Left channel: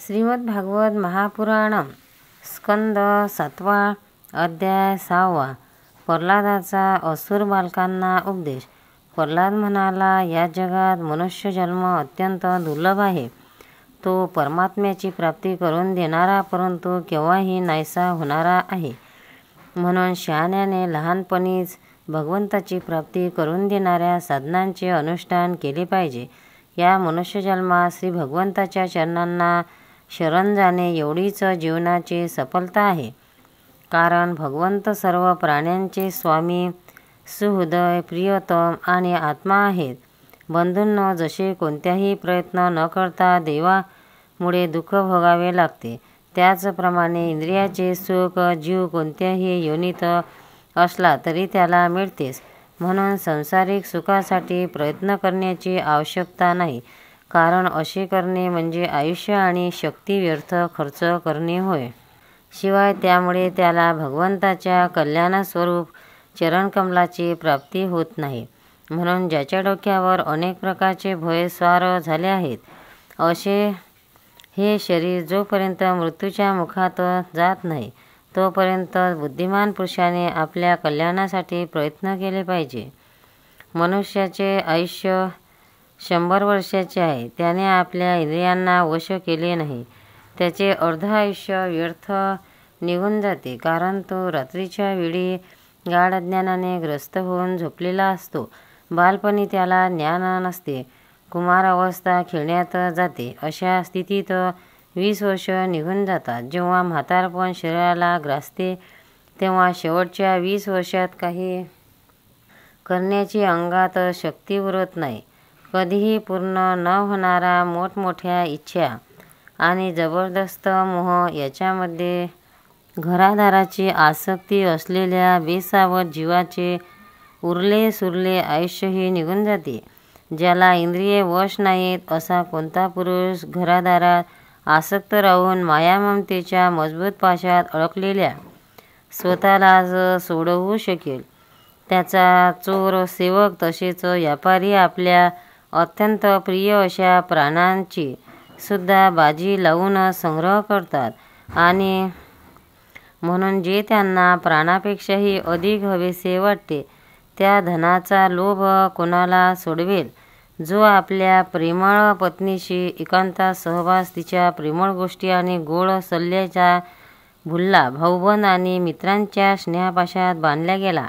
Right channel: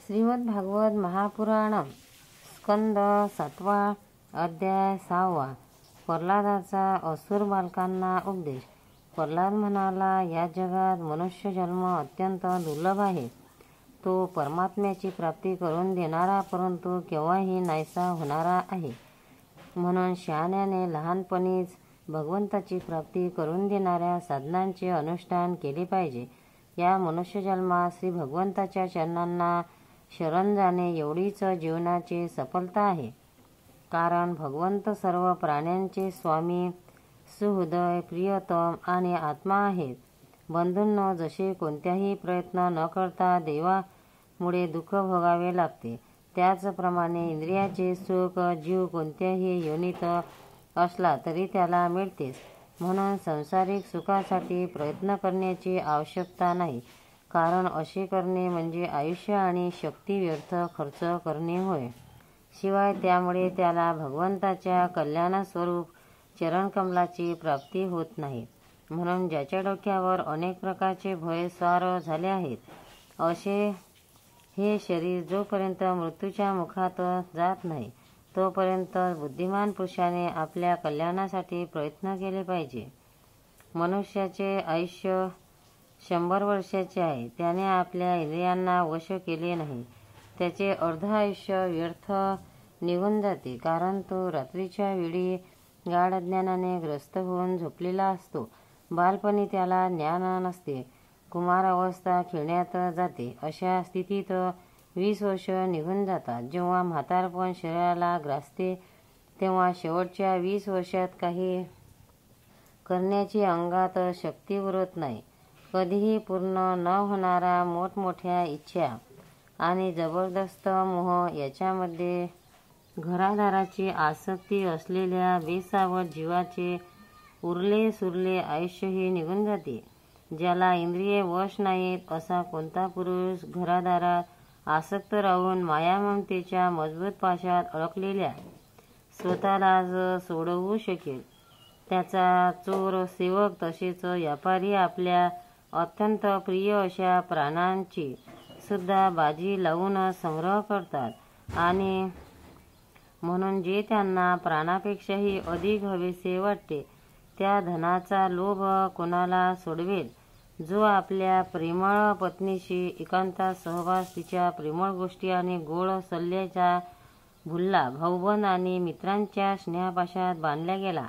श्रीमद भागवत महापुराण स्कंद 7 अध्याय 6 प्रल्हादाचा असुर बालकांना उपदेश। प्रल्हाद म्हणाला, या जगात मनुष्य जन्म अत्यंत दुर्लभ आहे। तो परमात्म्याची प्राप्ती करून देणारा परंतु केव्हाही नाहीसा होणारा आहे। म्हणून शहाण्याने लहानपणीच भगवंताची प्राप्ती करून देणाऱ्या साधनांचे अनुष्ठान केले पाहिजे। या मनुष्य जन्मात श्री भगवंताच्या चरणांना शरण जाणे एवढीच जीवनाची सफलता आहे। कारण भगवंत सर्व प्राण्यांचे स्वामी, सुहृदय, प्रियतम आणि आत्मा आहेत। बंधूंनो, जसे कोणत्याही प्रयत्न न करता देवामुळे दुःख भोगावे लागते, त्याचप्रमाणे इंद्रियाचे सुख जीव कोणत्याही योनीत असला तरी त्याला मिळतेच। म्हणून सांसारिक सुखासाठी प्रयत्न करण्याची आवश्यकता नाही, कारण असे करणे म्हणजे आयुष्य आणि शक्ती व्यर्थ खर्च करणे होय। शिवाय त्यामुळे त्याला भगवंताच्या कल्याणस्वरूप चरणकमलाची प्राप्ती होत नाही। म्हणून ज्याच्या डोक्यावर अनेक प्रकारचे भय स्वार झाले आहेत, असे हे शरीर जोपर्यंत मृत्यूच्या मुखात जात नाही तोपर्यंत बुद्धिमान पुरुषाने आपल्या कल्याणासाठी प्रयत्न केले पाहिजे। मनुष्याचे आयुष्य 100 वर्षाचे आहे। त्याने आपल्या इंद्रियांना वश केले नाही, त्याचे अर्ध आयुष्य व्यर्थ निघून जाते, कारण तो रात्रीच्या वेळी गाढ अज्ञानाने ग्रस्त होऊन झोपलेला असतो। बालपणी त्याला ज्ञान नसते, कुमार अवस्था खेळण्यात जाते। अशा स्थितीत 20 वर्ष निघून जातात। जेव्हा म्हातारपण शरीराला ग्रासते तेव्हा शेवटच्या 20 वर्षात काही करण्याची अंगात शक्ती उरत नाही। कधीही पूर्ण न होणारा मोठमोठ्या इच्छा आणि जबरदस्त मोह याच्यामध्ये घरादाराची आसक्ती असलेल्या बेसावध जीवाचे उरले सुरले आयुष्यही निघून जाते। ज्याला इंद्रिये वश नाहीत असा कोणता पुरुष घरादारात आसक्त राहून मायाममतेच्या मजबूत पाशात अडकलेल्या स्वतःलाच सोडवू शकेल? त्याचा चोर, सेवक तसेच व्यापारी आपल्या अत्यंत प्रिय अशा प्राणांची सुद्धा बाजी लावून संग्रह करतात। आणि म्हणून जे त्यांना प्राणापेक्षाही अधिक हवेसे वाटते त्या धनाचा लोभ कोणाला सोडवेल? जो आपल्या प्रेमळ पत्नीशी एकांतात सहवास, तिच्या प्रेमळ गोष्टी आणि गोड सल्ल्याचा भुलला, भाऊबंद आणि मित्रांच्या स्नेहपाशात बांधला गेला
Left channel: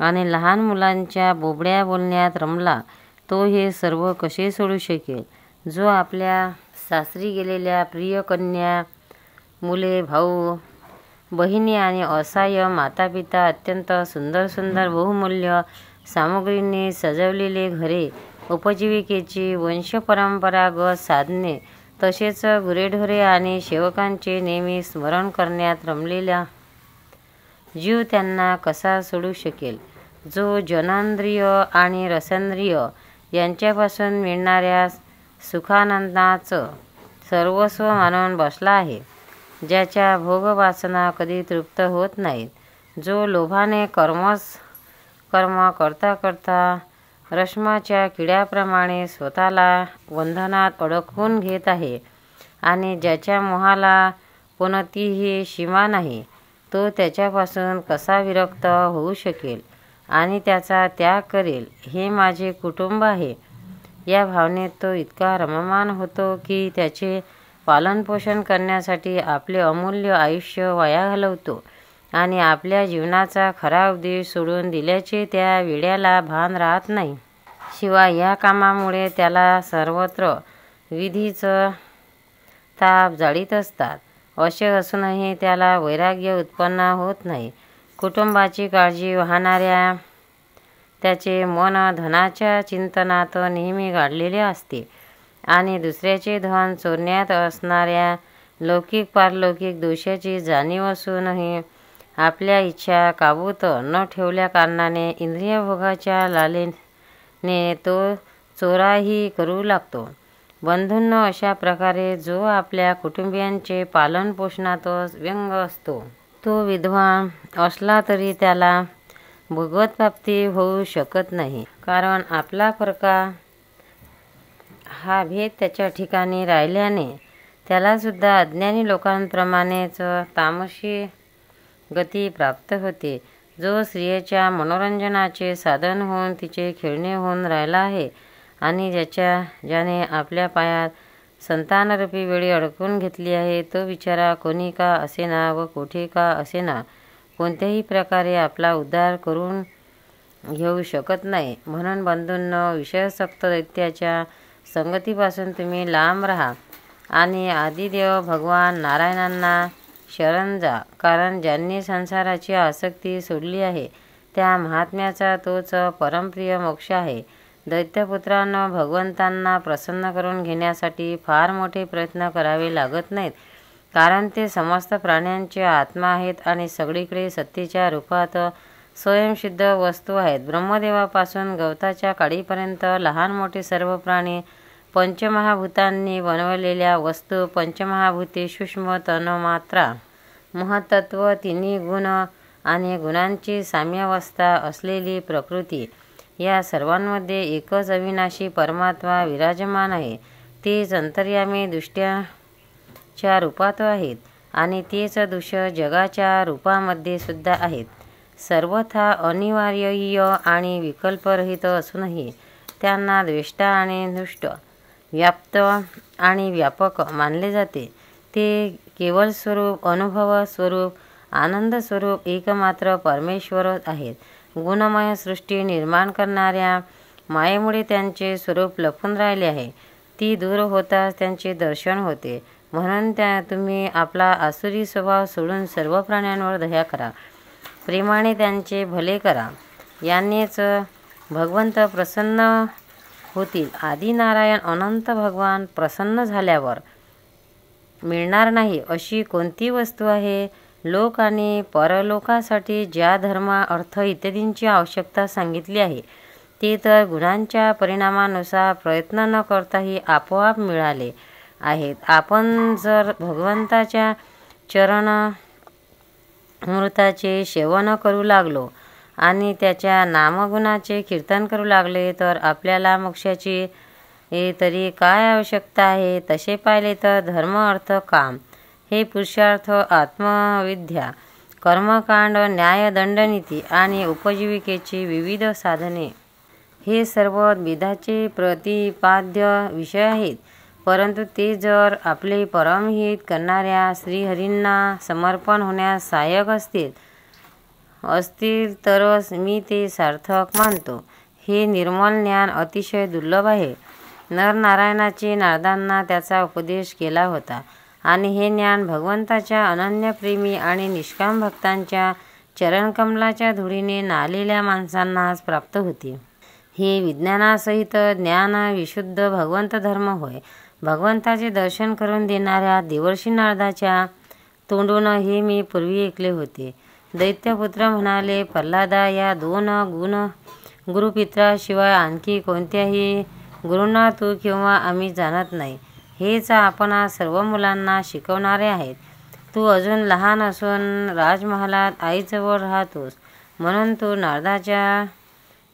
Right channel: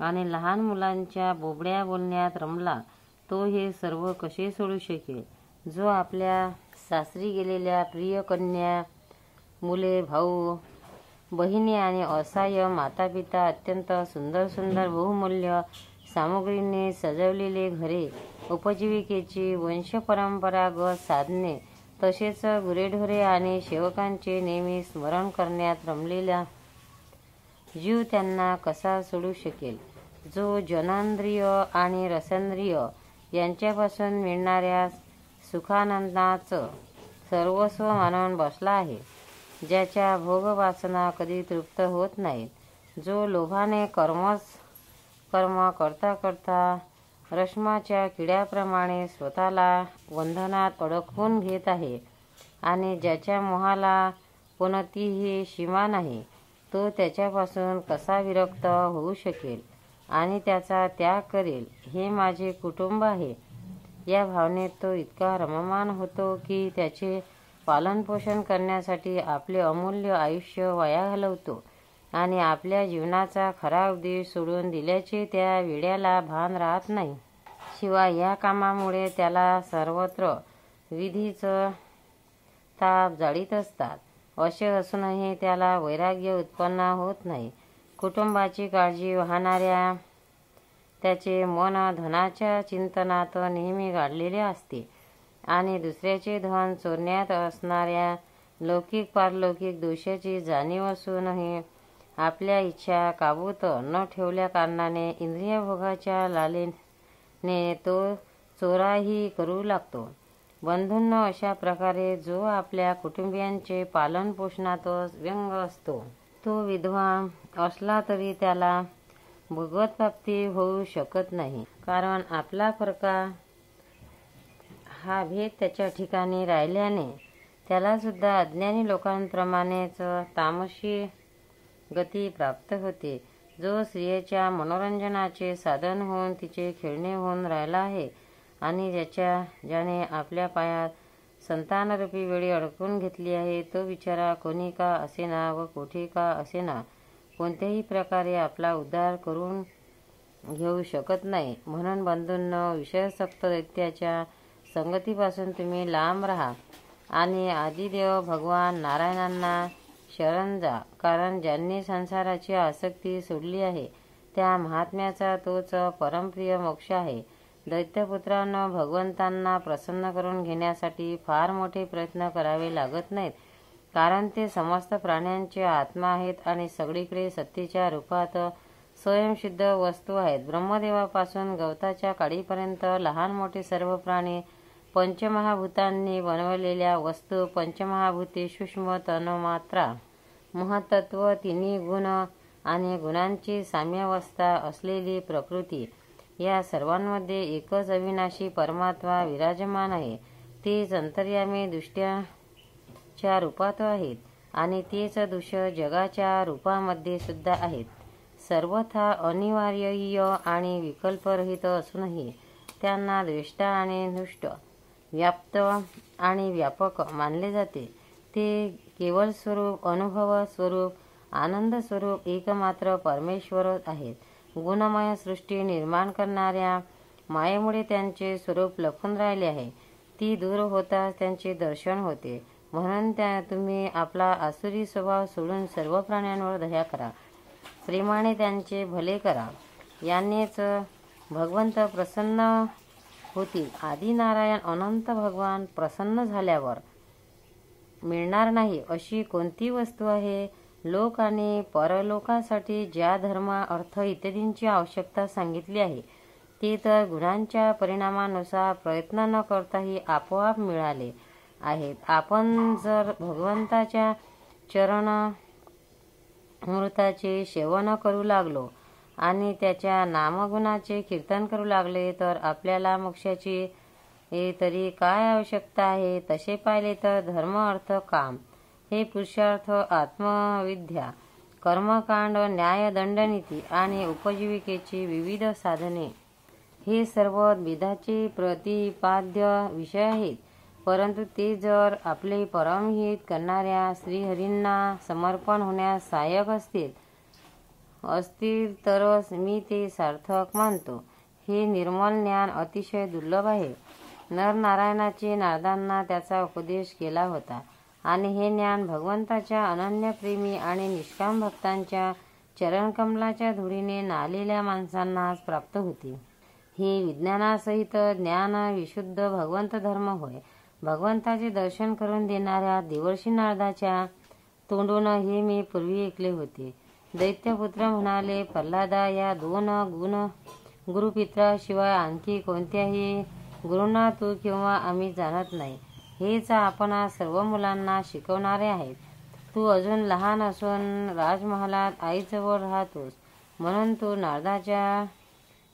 आणि लहान मुलांच्या बोबड्या बोलण्यात रमला, तो हे सर्व कसे सोडू शकेल? जो आपल्या सासरी गेलेल्या प्रिय कन्या, मुले, भाऊ बहिणी आणि असहाय्य मातापिता, अत्यंत सुंदर सुंदर बहुमूल्य सामग्रींनी सजवलेले घरे, उपजीविकेची वंशपरंपरागत साधने, तसेच गुरेढोरे आणि सेवकांचे नेहमी स्मरण करण्यात रमलेला जीव त्यांना कसा सोडू शकेल? जो जननेंद्रिय आणि रसेंद्रिय यांच्यापासून मिळणाऱ्या सुखानंदाच सर्वस्व मानून बसला आहे, ज्याच्या भोगवासना कधी तृप्त होत नाहीत, जो लोभाने कर्म करता करता रेशमाच्या किड्याप्रमाणे स्वतःला बंधनात अडकवून घेत आहे आणि ज्याच्या मोहाला कोणतीही सीमा नाही, तो त्याच्यापासून कसा विरक्त होऊ शकेल आणि त्याचा त्याग करेल? हे माझे कुटुंब आहे, या भावनेत तो इतका रममाण होतो की त्याचे पालनपोषण करण्यासाठी आपले अमूल्य आयुष्य वाया घालवतो आणि आपल्या जीवनाचा खरा उद्देश सोडून दिल्याचे त्या वेड्याला भान राहत नाही। शिवाय या कामामुळे त्याला सर्वत्र विधीच ताप जाळीत असतात। असे असूनही त्याला वैराग्य उत्पन्न होत नाही। कुटुंबाची काळजी वाहणाऱ्या त्याचे मन धनाच्या चिंतनात नेहमी गाडलेले असते आणि दुसऱ्याचे धन चोरण्यात असणाऱ्या लौकिक पारलौकिक दोषाची जाणीव असूनही आपल्या इच्छा काबूत न ठेवल्या कारणाने इंद्रियभोगाच्या लालसेने तो चोराही करू लागतो। बंधूंनो, अशा प्रकारे जो आपल्या कुटुंबियांचे पालनपोषणातच व्यग्र असतो, तो विद्वान असला तरी त्याला भगवत्प्राप्ती होऊ शकत नाही, कारण आपला परका हा भेद त्याच्या ठिकाणी राहिल्याने त्याला सुद्धा अज्ञानी लोकांप्रमाणेच तामसी गती प्राप्त होते. जो स्त्रियेच्या मनोरंजनाचे साधन होऊन तिचे खेळणे होऊन राहिला आहे आणि ज्याने आपल्या पायात संतानरूपी वेळी अडकून घेतली आहे, तो बिचारा कोणी का असेना व कोठे का असेना कोणत्याही प्रकारे आपला उद्धार करून घेऊ शकत नाही. म्हणून बंधूंनो, विषयासक्त दैत्याच्या संगतीपासून तुम्ही लांब राहा आणि आदिदेव भगवान नारायणांना शरण जा. कारण ज्यांनी संसाराची आसक्ती सोडली आहे त्या महात्म्याचा तोच परमप्रिय मोक्ष आहे. दैत्यपुत्रांनो, भगवंतांना प्रसन्न करून घेण्यासाठी फार मोठे प्रयत्न करावे लागत नाहीत, कारण ते समस्त प्राण्यांचे आत्मा आहेत आणि सगळीकडे सत्तेच्या रूपात स्वयंसिद्ध वस्तू आहेत. ब्रह्मदेवापासून गवताच्या काडीपर्यंत लहान मोठे सर्व प्राणी पंचमहाभूतांनी बनवलेल्या वस्तू, पंचमहाभूते, सूक्ष्म तन्मात्रा, महत्त्व, तिन्ही गुण आणि गुणांची साम्यावस्था असलेली प्रकृती, या सर्वांमध्ये एकच अविनाशी परमात्मा विराजमान आहे. तेच अंतर्यामी दृष्ट्याच्या रूपात आहेत आणि तेच दृश्य जगाच्या रूपामध्ये सुद्धा आहेत. सर्वथा अनिवार्य आणि विकल्परहित असूनही त्यांना द्वेष्टा आणि दृष्ट, व्याप्त आणि व्यापक मानले जाते. ते केवळ स्वरूप, अनुभव स्वरूप, आनंद स्वरूप एकमात्र परमेश्वर आहेत. गुणमय सृष्टी निर्माण करणाऱ्या मायेमुळे त्यांचे स्वरूप लपून राहिले आहे. ती दूर होताच त्यांचे दर्शन होते. म्हणून तुम्ही आपला आसुरी स्वभाव सोडून सर्व प्राण्यांवर दया करा, प्रेमाने त्यांचे भले करा. यानेच भगवंत प्रसन्न होतील. आदिनारायण अनंत भगवान प्रसन्न झाल्यावर मिळणार नाही अशी कोणती वस्तू आहे? लोक आणि परलोकासाठी ज्या धर्म, अर्थ इत्यादींची आवश्यकता सांगितली आहे ते तर गुणांच्या परिणामानुसार प्रयत्न न करताही आपोआप मिळाले आहेत. आपण जर भगवंताच्या चरणामृताचे सेवन करू लागलो आणि त्याच्या नामगुणाचे कीर्तन करू लागले तर आपल्याला मोक्षाची तरी काय आवश्यकता आहे? तसे पाहिले तर धर्म, अर्थ, काम हे पुरुषार्थ, आत्मविद्या, कर्मकांड, न्याय, दंडनीती आणि उपजीविकेची विविध साधने हे सर्व विधाचे प्रतिपाद्य विषय आहेत. परंतु ते जर आपले परमहित करणाऱ्या श्रीहरींना समर्पण होण्यास सहाय्यक असतील तरच मी ते सार्थक मानतो. हे निर्मल ज्ञान अतिशय दुर्लभ आहे. नरनारायणाचे नारदांना त्याचा उपदेश केला होता आणि हे ज्ञान भगवंताच्या अनन्यप्रेमी आणि निष्काम भक्तांच्या चरणकमलाच्या धुळीने नालेल्या माणसांनाच प्राप्त होते. हे विज्ञानासहित ज्ञान विशुद्ध भगवंत धर्म होय. भगवंताचे दर्शन करून देणाऱ्या देवर्षी नारदाच्या तोंडून हे मी पूर्वी ऐकले होते. दैत्यपुत्र म्हणाले, प्रल्हादा, या दोन गुरुपित्राशिवाय आणखी कोणत्याही गुरूंना तू किंवा आम्ही जाणत नाही. हेच आपण सर्व मुलांना शिकवणारे आहेत. तू अजून लहान असून राजमहालात आईजवळ राहतोस, म्हणून तू नारदाच्या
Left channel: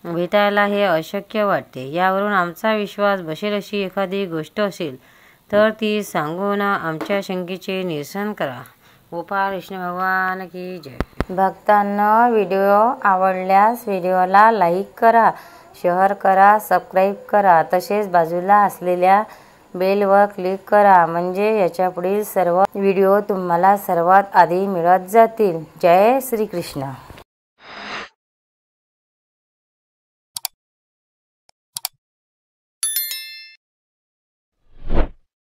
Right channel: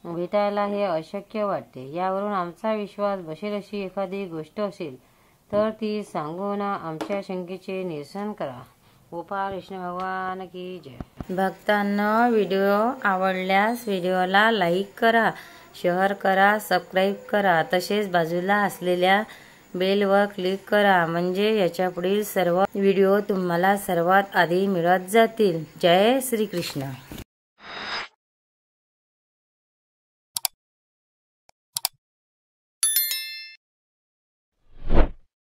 भेटायला हे अशक्य वाटते. यावरून आमचा विश्वास बसेल अशी एखादी गोष्ट असेल तर ती सांगून आमच्या शंकेचे निरसन करा. गोपाळ कृष्ण भगवान की जय. भक्तांनो, व्हिडिओ आवडल्यास व्हिडिओला लाईक करा, शेअर करा, सबस्क्राईब करा. तसेच बाजूला असलेल्या बेलवर क्लिक करा, म्हणजे याच्यापुढील सर्व व्हिडिओ तुम्हाला सर्वात आधी मिळत जातील. जय श्री कृष्ण.